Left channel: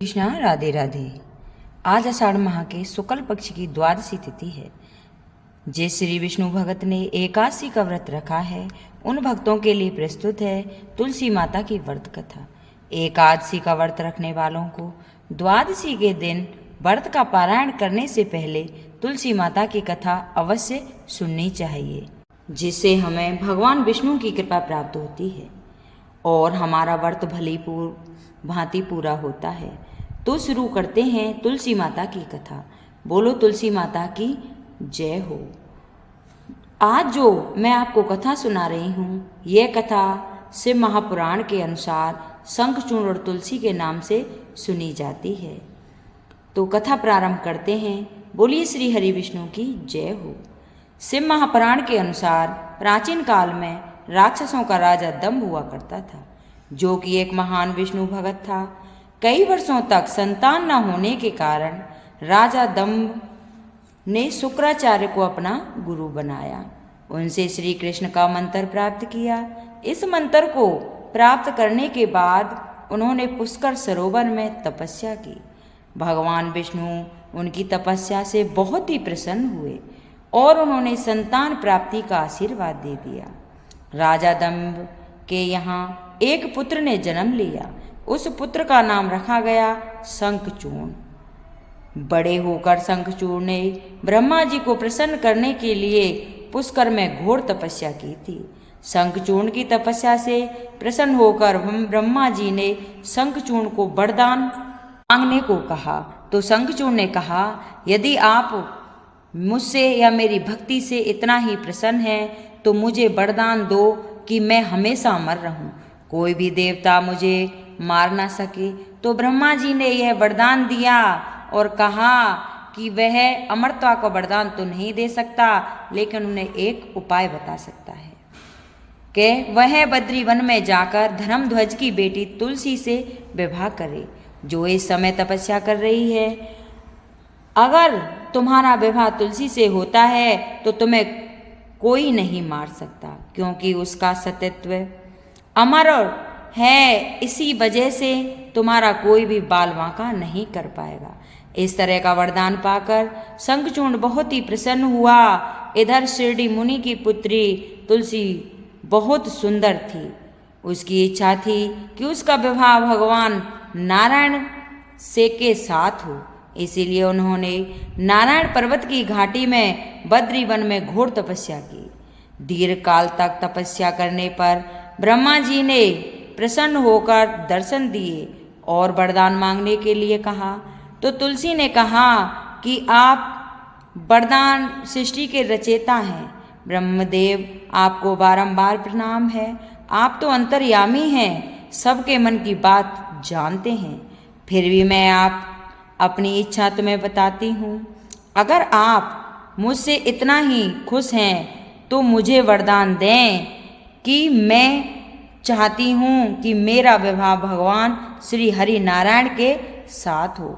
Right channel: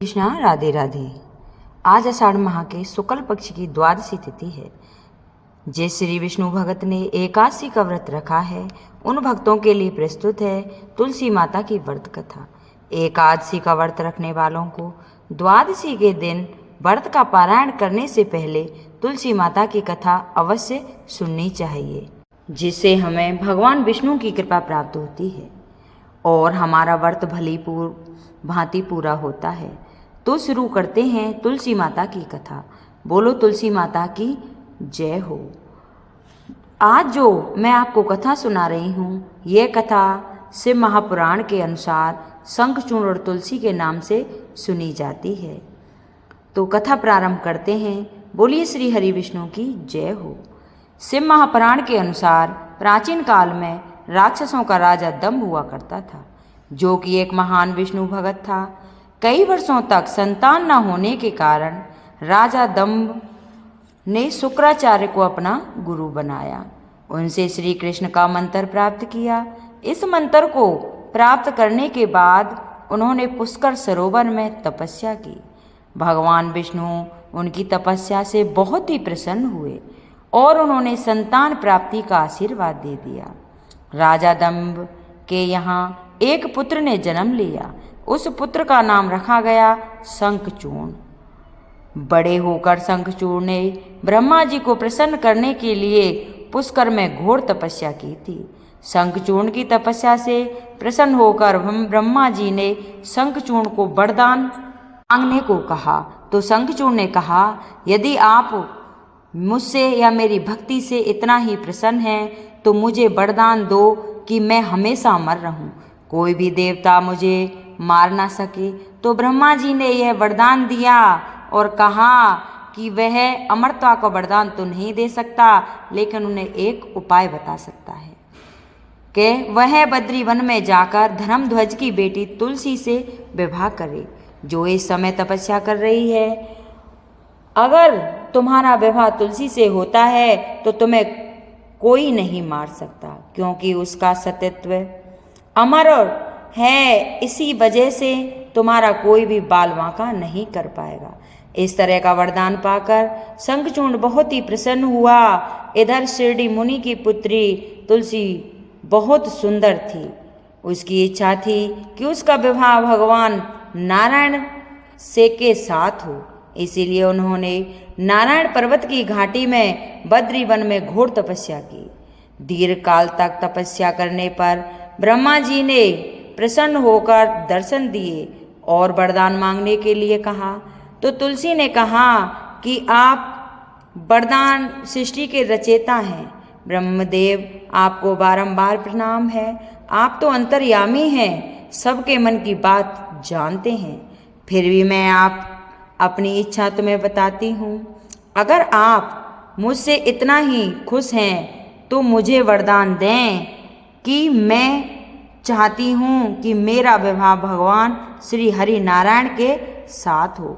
कृष्णा, राधे राधे। आज आषाढ़ माह के शुक्ल पक्ष की द्वादशी तिथि है। जिस श्री विष्णु भगत ने एकादशी का व्रत रखा है उन भक्तों के लिए प्रस्तुत है तुलसी माता की व्रत कथा। एकादशी का व्रत रखने वालों को द्वादशी के दिन व्रत का पारायण करने से पहले तुलसी माता की कथा अवश्य सुननी चाहिए, जिससे हमें भगवान विष्णु की कृपा प्राप्त होती है और हमारा व्रत भली भांति पूरा होता है। तो शुरू करते हैं तुलसी माता की कथा। बोलो तुलसी माता की जय हो। आज जो मैं आपको कथा सुना रही हूँ, यह कथा शिव महापुराण के अनुसार शंखचूर्ण और तुलसी के नाम से सुनी जाती है। तो कथा प्रारंभ करते हैं। बोलिए श्री हरि विष्णु की जय हो। शिव महापुराण के अनुसार प्राचीन काल में राक्षसों का राजा दंभ हुआ करता था, जो कि एक महान विष्णु भगत था। कई वर्षों तक संतान न होने के कारण राजा दंभ ने शुक्राचार्य को अपना गुरु बनाया। उनसे श्री कृष्ण का मंत्र प्राप्त किया। इस मंत्र को प्राप्त करने के बाद उन्होंने पुष्कर सरोवर में तपस्या की। भगवान विष्णु उनकी तपस्या से बहुत ही प्रसन्न हुए और उन्होंने संतान प्राप्ति का आशीर्वाद दे दिया। राजा दंभ के यहाँ एक पुत्र ने जन्म लिया। उस पुत्र का नाम रखा गया शंखचूर्ण। बड़े होकर शंखचूर्ण ने ब्रह्मा जी को प्रसन्न करने के लिए पुष्कर में घोर तपस्या की थी। शंखचूर्ण की तपस्या से प्रसन्न होकर ब्रह्मा जी ने शंखचूर्ण को वरदान मांगने को कहा। तो शंखचूर्ण ने कहा, यदि आप मुझसे या मेरी भक्ति से इतना ही प्रसन्न हैं तो मुझे वरदान दो कि मैं हमेशा अमर रहूं, कोई भी देवता मुझे मार ना सके। तो ब्रह्मा जी ने यह वरदान दिया और कहा कि वह अमरता का वरदान तो नहीं दे सकता, लेकिन उन्हें एक उपाय बता सकता है कि वह बद्री वन में जाकर धर्मध्वज की बेटी तुलसी से विवाह करे, जो इस समय तपस्या कर रही है। अगर तुम्हारा विवाह तुलसी से होता है तो तुम्हें कोई नहीं मार सकता, क्योंकि उसका सतीत्व अमर है। इसी वजह से तुम्हारा कोई भी बाल वांका नहीं कर पाएगा। इस तरह का वरदान पाकर शंखचूर्ण बहुत ही प्रसन्न हुआ। इधर शिरडी मुनि की पुत्री तुलसी बहुत सुंदर थी। उसकी इच्छा थी कि उसका विवाह भगवान नारायण से के साथ हो। इसीलिए उन्होंने नारायण पर्वत की घाटी में बद्री वन में घोर तपस्या की। दीर्घ काल तक तपस्या करने पर ब्रह्मा जी ने प्रसन्न होकर दर्शन दिए और वरदान मांगने के लिए कहा। तो तुलसी ने कहा कि आप वरदान सृष्टि के रचयिता हैं। ब्रह्मदेव आपको बारंबार प्रणाम है। आप तो अंतर्यामी हैं, सबके मन की बात जानते हैं। फिर भी मैं आप अपनी इच्छा तुम्हें बताती हूँ। अगर आप मुझसे इतना ही खुश हैं तो मुझे वरदान दें कि मैं चाहती हूँ कि मेरा विवाह भगवान श्री हरि नारायण के साथ हो।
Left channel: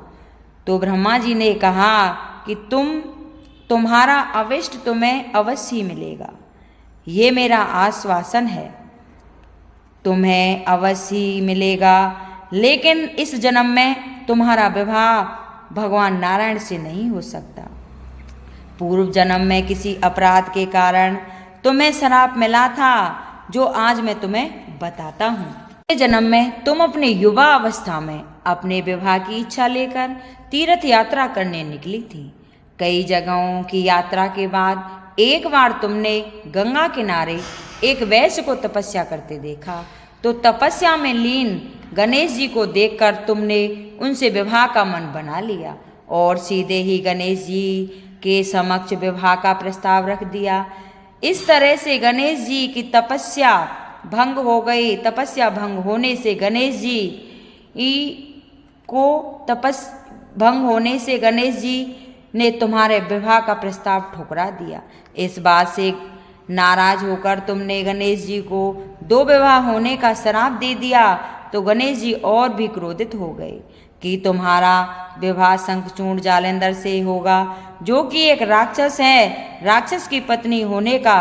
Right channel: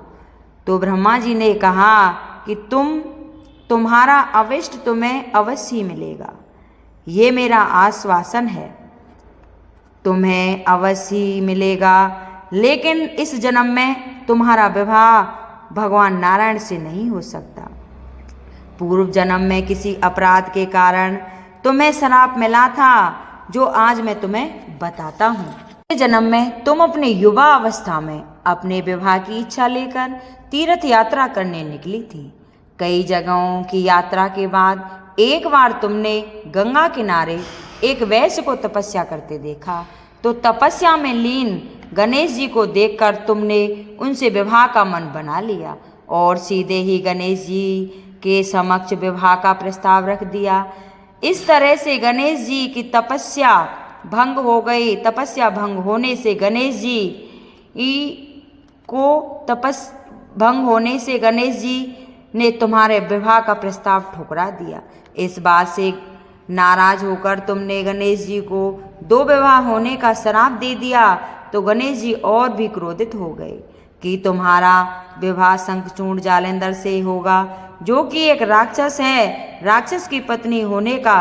तो ब्रह्मा जी ने कहा कि तुम्हारा अविष्ट तुम्हें अवश्य मिलेगा, ये मेरा आश्वासन है। तुम्हें अवश्य मिलेगा, लेकिन इस जन्म में तुम्हारा विवाह भगवान नारायण से नहीं हो सकता। पूर्व जन्म में किसी अपराध के कारण तुम्हें श्राप मिला था, जो आज मैं तुम्हें बताता हूँ। इस जन्म में तुम अपने युवा अवस्था में अपने विवाह की इच्छा लेकर तीर्थ यात्रा करने निकली थी। कई जगहों की यात्रा के बाद एक बार तुमने गंगा किनारे एक वैश्य को तपस्या करते देखा। तो तपस्या में लीन गणेश जी को देखकर तुमने उनसे विवाह का मन बना लिया और सीधे ही गणेश जी के समक्ष विवाह का प्रस्ताव रख दिया। इस तरह से गणेश जी की तपस्या भंग हो गई। तपस्या भंग होने से गणेश जी ने तुम्हारे विवाह का प्रस्ताव ठुकरा दिया। इस बात से नाराज होकर तुमने गणेश जी को 2 विवाह होने का श्राप दे दिया। तो गणेश जी और भी क्रोधित हो गए कि तुम्हारा विवाह शंखचूर्ण जालेंद्र से होगा, जो कि एक राक्षस है। राक्षस की पत्नी होने का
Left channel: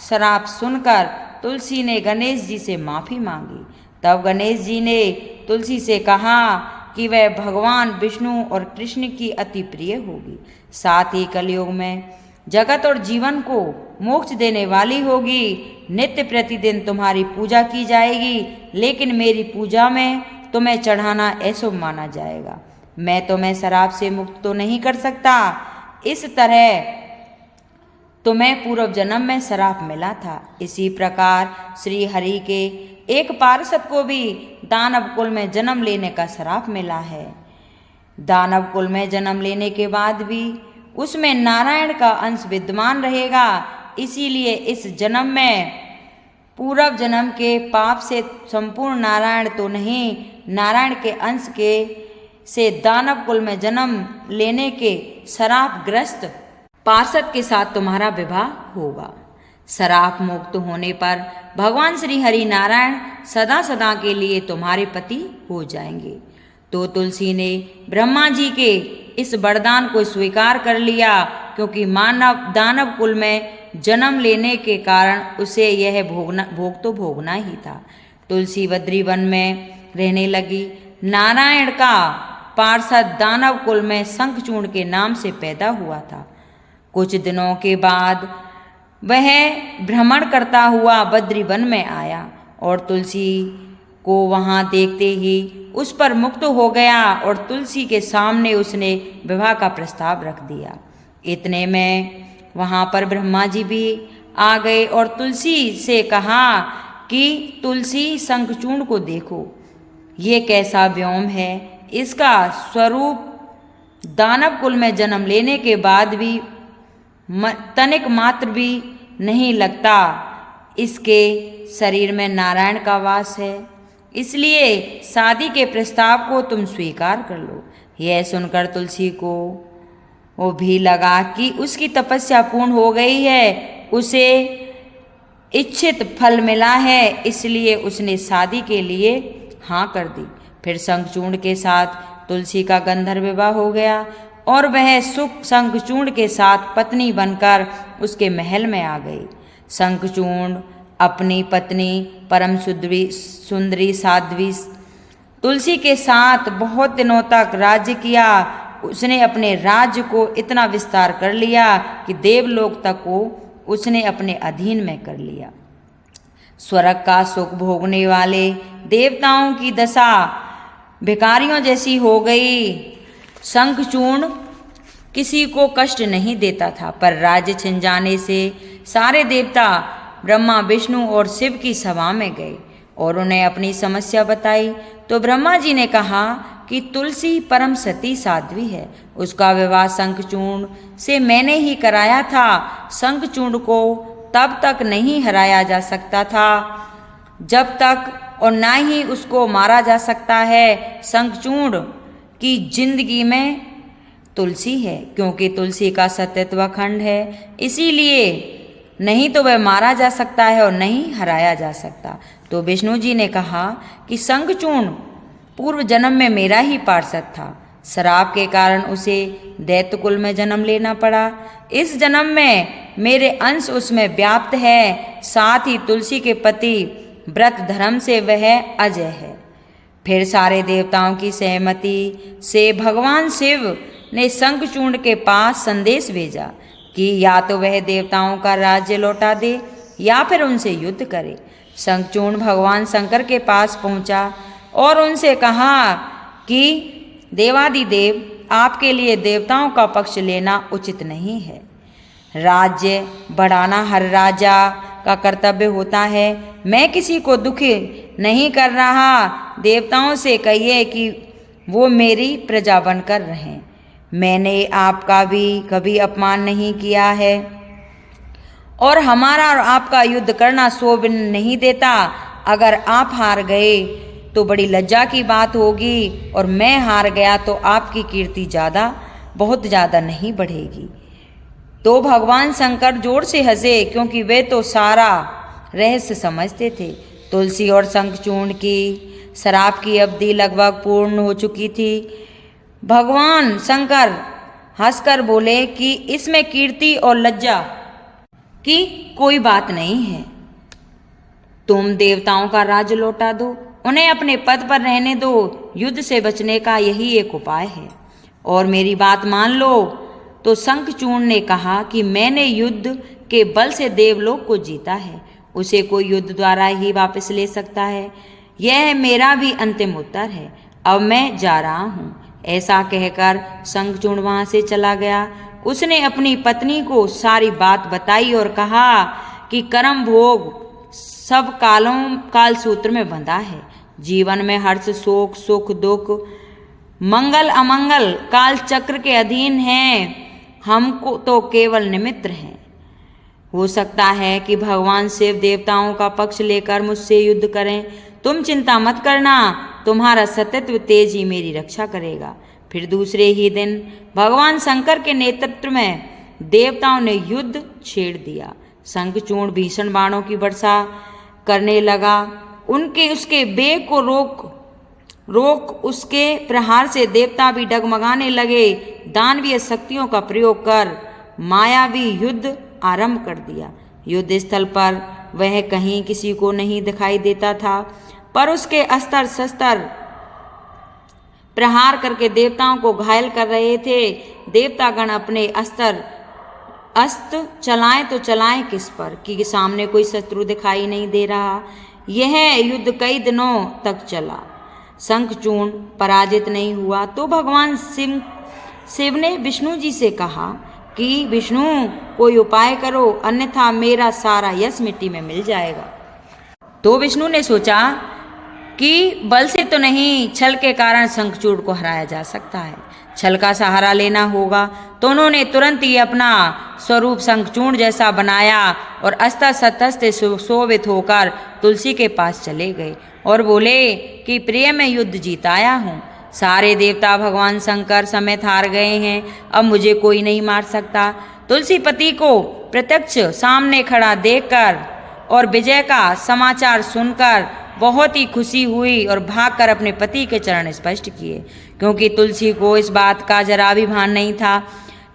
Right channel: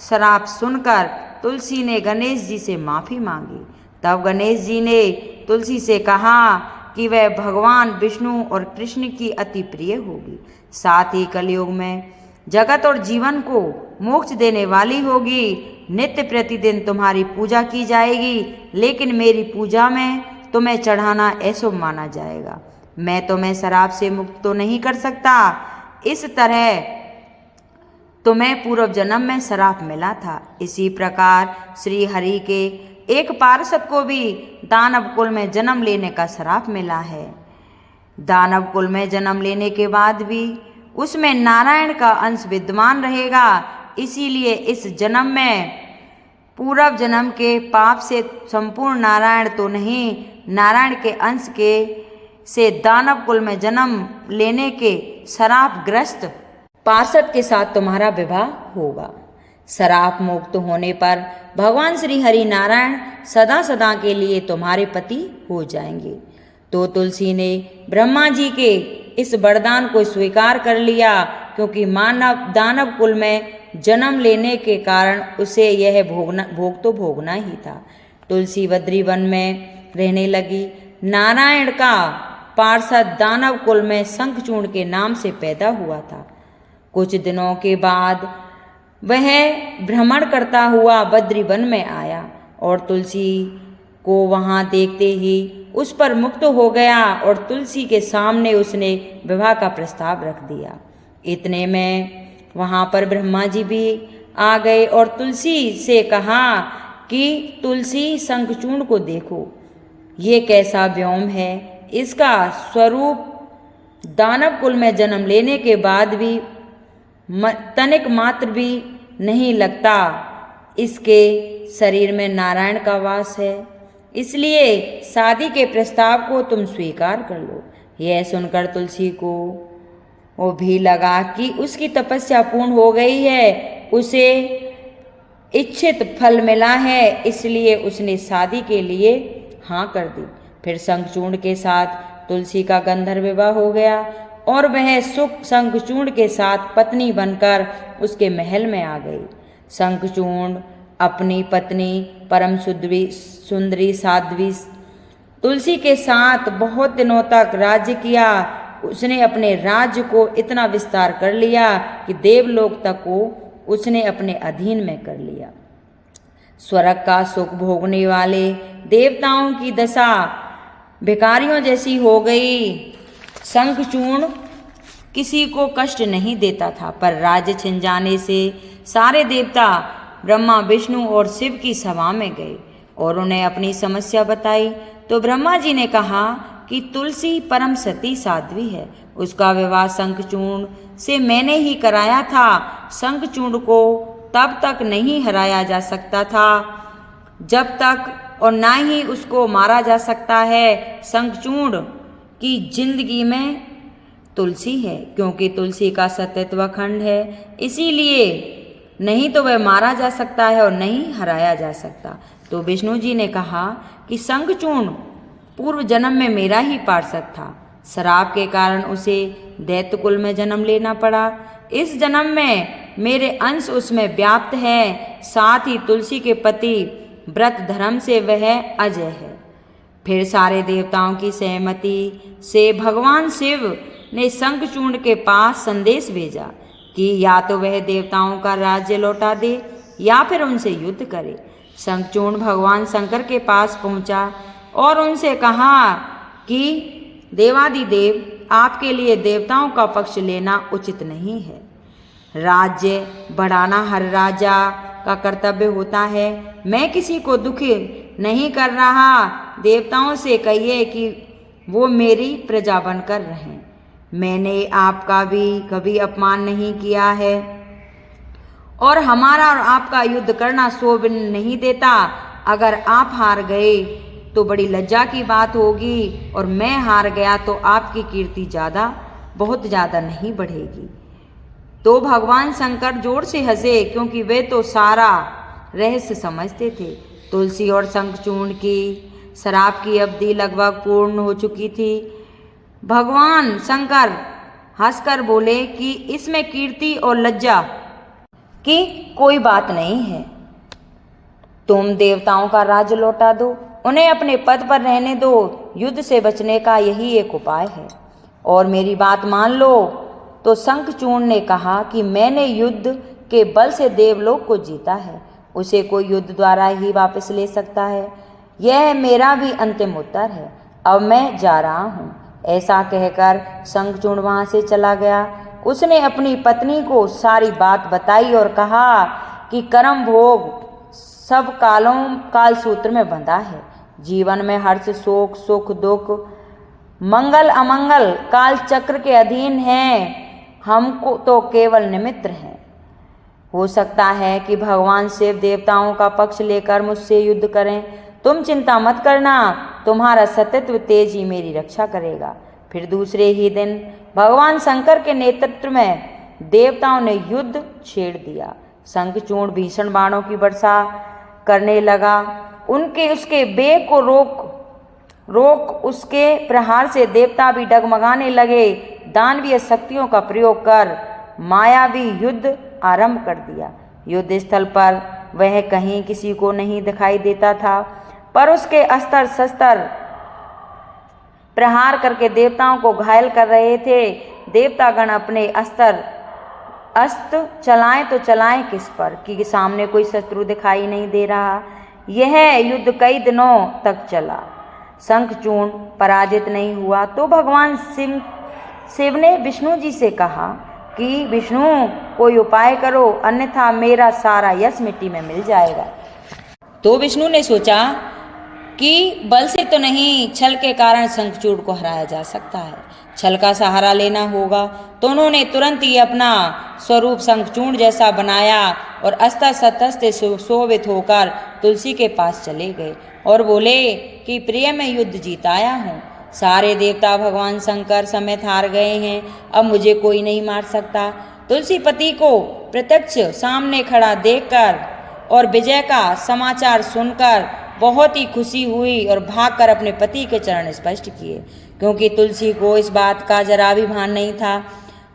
श्राप सुनकर तुलसी ने गणेश जी से माफी मांगी। तब गणेश जी ने तुलसी से कहा कि वह भगवान विष्णु और कृष्ण की अति प्रिय होगी। साथ ही कलयुग में जगत और जीवन को मोक्ष देने वाली होगी। नित्य प्रतिदिन तुम्हारी पूजा की जाएगी, लेकिन मेरी पूजा में तुम्हें चढ़ाना अशुभ माना जाएगा। मैं तुम्हें शराब से मुक्त तो नहीं कर सकता। इस तरह तुम्हें पूर्व जन्म में शराप मिला था। इसी प्रकार श्री हरि के एक पार्षद को भी दानव कुल में जन्म लेने का श्राप मिला है। दानव कुल में जन्म लेने के बाद भी उसमें नारायण का अंश विद्यमान रहेगा। इसीलिए इस जन्म में पूर्व जन्म के पाप से संपूर्ण नारायण तो नहीं, नारायण के अंश के से दानव कुल में जन्म लेने के श्रापग्रस्त पार्षद के साथ तुम्हारा विवाह होगा। श्राप मुक्त होने पर भगवान श्री हरि नारायण सदा सदा के लिए तुम्हारे पति हो जाएंगे। तो तुलसी ने ब्रह्मा जी के इस वरदान को स्वीकार कर लिया, क्योंकि मानव दानव कुल में जन्म लेने के कारण उसे यह भोग तो भोगना ही था। तुलसी बद्री वन में रहने लगी। नारायण का पार्षद दानव कुल में शंखचूर्ण के नाम से पैदा हुआ था। कुछ दिनों के बाद वह भ्रमण करता हुआ बद्री वन में आया और तुलसी को वहां देखते ही उस पर मुक्त हो गया और तुलसी के सामने उसने विवाह का प्रस्ताव रख दिया। इतने में वहां पर ब्रह्मा जी भी आ गए और तुलसी से कहा कि तुलसी शंखचूर्ण को देखो, ये कैसा व्योम है। इसका स्वरूप दानव कुल में जन्म लेने के बाद भी तनिक मात्र भी नहीं लगता। इसके शरीर में नारायण का वास है, इसलिए शादी के प्रस्ताव को तुम स्वीकार कर लो। यह सुनकर तुलसी को वो भी लगा कि उसकी तपस्या पूर्ण हो गई है, उसे इच्छित फल मिला है, इसलिए उसने शादी के लिए हाँ कर दी। फिर शंखचूर्ण के साथ तुलसी का गंधर्व विवाह हो गया और वह सुख शंखचूर्ण के साथ पत्नी बनकर उसके महल में आ गई। शंखचूर्ण अपनी पत्नी परम सुंदरी साध्वी तुलसी के साथ बहुत दिनों तक राज्य किया। उसने अपने राज्य को इतना विस्तार कर लिया कि देवलोक तक को उसने अपने अधीन में कर लिया। स्वर्ग का सुख भोगने वाले देवताओं की दशा भिखारियों जैसी हो गई। शंखचूर्ण किसी को कष्ट नहीं देता था, पर राज्य छिन जाने से सारे देवता ब्रह्मा विष्णु और शिव की सभा में गए और उन्हें अपनी समस्या बताई। तो ब्रह्मा जी ने कहा कि तुलसी परम सती साध्वी है, उसका विवाह शंखचूर्ण से मैंने ही कराया था। शंखचूर्ण को तब तक नहीं हराया जा सकता था जब तक, और ना ही उसको मारा जा सकता है। शंखचूर्ण की जिंदगी में तुलसी है, क्योंकि तुलसी का सत्यत्व अखंड है, इसीलिए नहीं तो वह मारा जा सकता है और नहीं हराया जा सकता। तो विष्णु जी ने कहा कि शंखचूर्ण पूर्व जन्म में मेरा ही पार्षद था। श्राप के कारण उसे दैत्य कुल में जन्म लेना पड़ा। इस जन्म में मेरे अंश उसमें व्याप्त है। साथ ही तुलसी के पति व्रत धर्म से वह अजय है। फिर सारे देवताओं की सहमति से भगवान शिव ने शंखचूर्ण के पास संदेश भेजा कि या तो वह देवताओं का राज्य लौटा दे या फिर उनसे युद्ध करे। शंखचूर्ण भगवान शंकर के पास पहुंचा और उनसे कहा कि देवादिदेव, आपके लिए देवताओं का पक्ष लेना उचित नहीं है। राज्य बढ़ाना हर राजा का कर्तव्य होता है। मैं किसी को दुखी नहीं कर रहा। देवताओं से कहिए कि वो मेरी प्रजा बनकर रहें। मैंने आपका भी कभी अपमान नहीं किया है और हमारा और आपका युद्ध करना शोभा नहीं देता। अगर आप हार गए तो बड़ी लज्जा की बात होगी और मैं हार गया तो आपकी कीर्ति बहुत ज़्यादा नहीं बढ़ेगी। तो भगवान शंकर जोर से हंसे, क्योंकि वे तो सारा रहस्य समझते थे। तुलसी और शंखचूर्ण की श्राप की अवधि लगभग पूर्ण हो चुकी थी। भगवान शंकर हंसकर बोले कि इसमें कीर्ति और लज्जा की कोई बात नहीं है। तुम देवताओं का राज्य लौटा दो उन्हें अपने पद पर रहने दो। युद्ध से बचने का यही एक उपाय है, और मेरी बात मान लो। तो शंखचूर्ण ने कहा कि मैंने युद्ध के बल से देवलोक को जीता है, उसे कोई युद्ध द्वारा ही वापस ले सकता है। यह मेरा भी अंतिम उत्तर है। अब मैं जा रहा हूँ। ऐसा कहकर शंखचूर्ण वहां से चला गया। उसने अपनी पत्नी को सारी बात बताई और कहा कि कर्म भोग सब काल सूत्र में बंधा है। जीवन में हर्ष, शोक, सुख, दुख, मंगल, अमंगल काल चक्र के अधीन है। हमको तो केवल निमित्त हैं। हो सकता है कि भगवान शिव देवताओं का पक्ष लेकर मुझसे युद्ध करें। तुम चिंता मत करना, तुम्हारा सतत्व तेज ही मेरी रक्षा करेगा। फिर दूसरे ही दिन भगवान शंकर के नेतृत्व में देवताओं ने युद्ध छेड़ दिया। शंखचूर्ण भीषण बाणों की वर्षा करने लगा। उसके बेग को रोक उसके प्रहार से देवता भी डगमगाने लगे। दानवीय शक्तियों का प्रयोग कर मायावी युद्ध आरंभ कर दिया। युद्ध स्थल पर वह कहीं किसी को नहीं दिखाई देता था, पर उसके अस्त्र शस्त्र प्रहार करके देवताओं को घायल कर रहे थे। देवतागण अपने अस्त्र चलाएं तो चलाएं किस पर, कि सामने कोई शत्रु दिखाई नहीं दे रहा। यह युद्ध कई दिनों तक चला। शंखचूर्ण पराजित नहीं हुआ तो भगवान शिव ने विष्णु जी से कहा कि विष्णु कोई उपाय करो, अन्यथा मेरा सारा यश मिट्टी में मिल जाएगा। तो विष्णु ने सोचा कि बल से तो नहीं, छल के कारण शंखचूर्ण को हराया जा सकता है। छल का सहारा लेना होगा। तो उन्होंने तुरंत ही अपना स्वरूप शंखचूर्ण जैसा बनाया और अस्त्र शस्त्र से सुशोभित होकर तुलसी के पास चले गए और बोले कि प्रिय, मैं युद्ध जीत आया हूँ। सारे देवता भगवान शंकर समेत हार गए हैं। अब मुझे कोई नहीं मार सकता। तुलसी पति को प्रत्यक्ष सामने खड़ा देखकर और विजय का समाचार सुनकर बहुत ही खुशी हुई और भागकर अपने पति के चरण स्पर्श किए, क्योंकि तुलसी को इस बात का जरा भी भान नहीं था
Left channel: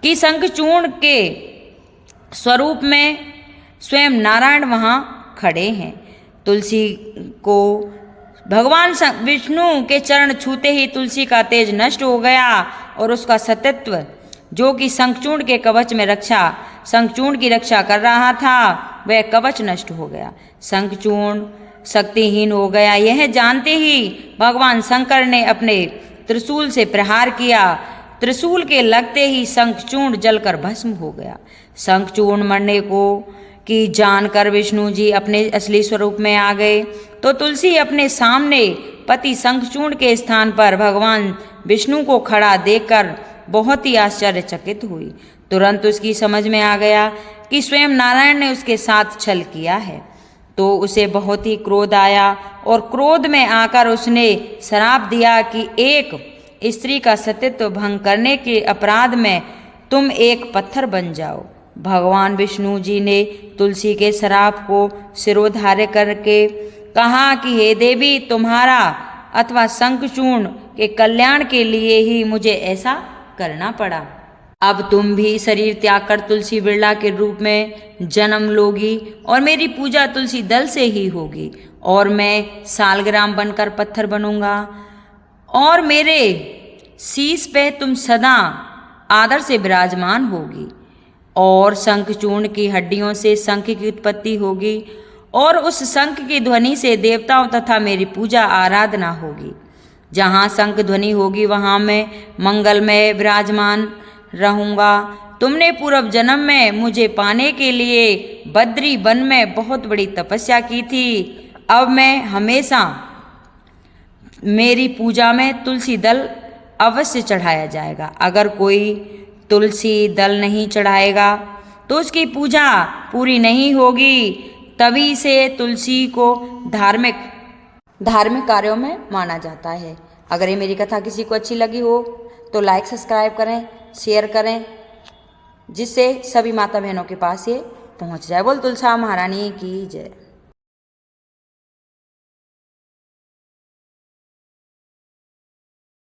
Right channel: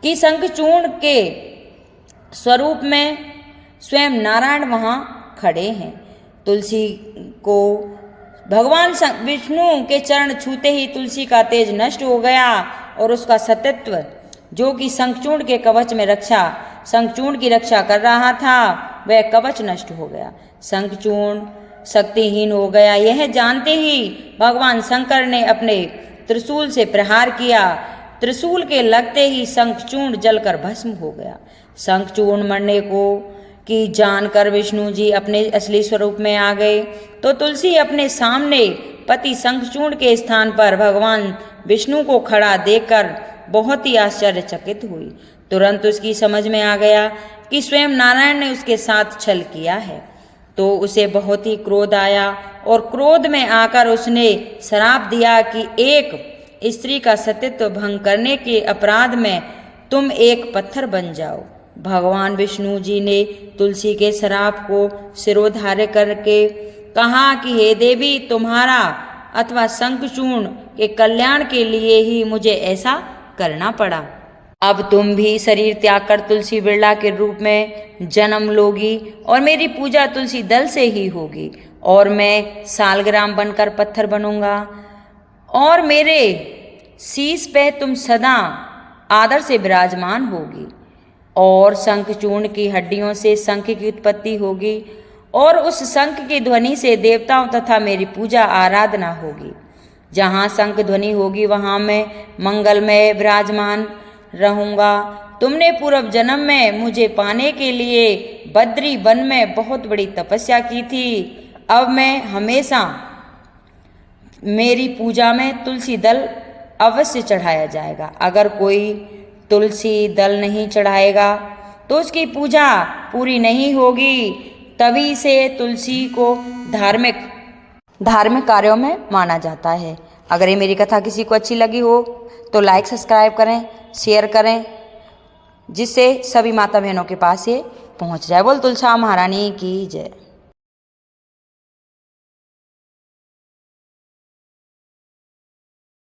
कि शंखचूर्ण के स्वरूप में स्वयं नारायण वहां खड़े हैं। तुलसी को भगवान विष्णु के चरण छूते ही तुलसी का तेज नष्ट हो गया और उसका सतत्व, जो कि शंखचूर्ण के कवच में शंखचूर्ण की रक्षा कर रहा था, वह कवच नष्ट हो गया। शंखचूर्ण शक्तिहीन हो गया। यह जानते ही भगवान शंकर ने अपने त्रिशूल से प्रहार किया। त्रिशूल के लगते ही शंखचूर्ण जलकर भस्म हो गया। शंखचूर्ण मरने को कि जानकर विष्णु जी अपने असली स्वरूप में आ गए तो तुलसी अपने सामने पति शंखचूर्ण के स्थान पर भगवान विष्णु को खड़ा देखकर बहुत ही आश्चर्यचकित हुई। तुरंत उसकी समझ में आ गया कि स्वयं नारायण ने उसके साथ छल किया है। तो उसे बहुत ही क्रोध आया और क्रोध में आकर उसने श्राप दिया कि एक स्त्री का सतीत्व भंग करने के अपराध में तुम एक पत्थर बन जाओ। भगवान विष्णु जी ने तुलसी के श्राप को शिरोधार्य करके कहा कि हे देवी, तुम्हारा अथवा शंखचूर्ण के कल्याण के लिए ही मुझे ऐसा करना पड़ा। अब तुम भी शरीर त्याग कर तुलसी बिरला के रूप में जन्म लोगी और मेरी पूजा तुलसी दल से ही होगी, और मैं सालग्राम बनकर पत्थर बनूंगा और मेरे शीश पे तुम सदा आदर से विराजमान होगी, और शंखचूर्ण की हड्डियों से शंख की उत्पत्ति होगी और उस शंख की ध्वनि से देवताओं तथा मेरी पूजा आराधना होगी। जहाँ शंख ध्वनि होगी वहाँ मैं मंगलमय विराजमान रहूंगा। तुमने पूर्व जन्म में मुझे पाने के लिए बद्री वन में बहुत बड़ी तपस्या की थी। अब मैं हमेशा मेरी पूजा में तुलसी दल अवश्य चढ़ाया जाएगा। अगर कोई तुलसी दल नहीं चढ़ाएगा तो उसकी पूजा पूरी नहीं होगी। तभी से तुलसी को धार्मिक कार्यों में माना जाता है। अगर ये मेरी कथा किसी को अच्छी लगी हो तो लाइक, सब्सक्राइब करें, शेयर करें, जिससे सभी माता बहनों के पास ये पहुंच जाए। बोल तुलसा महारानी की जय।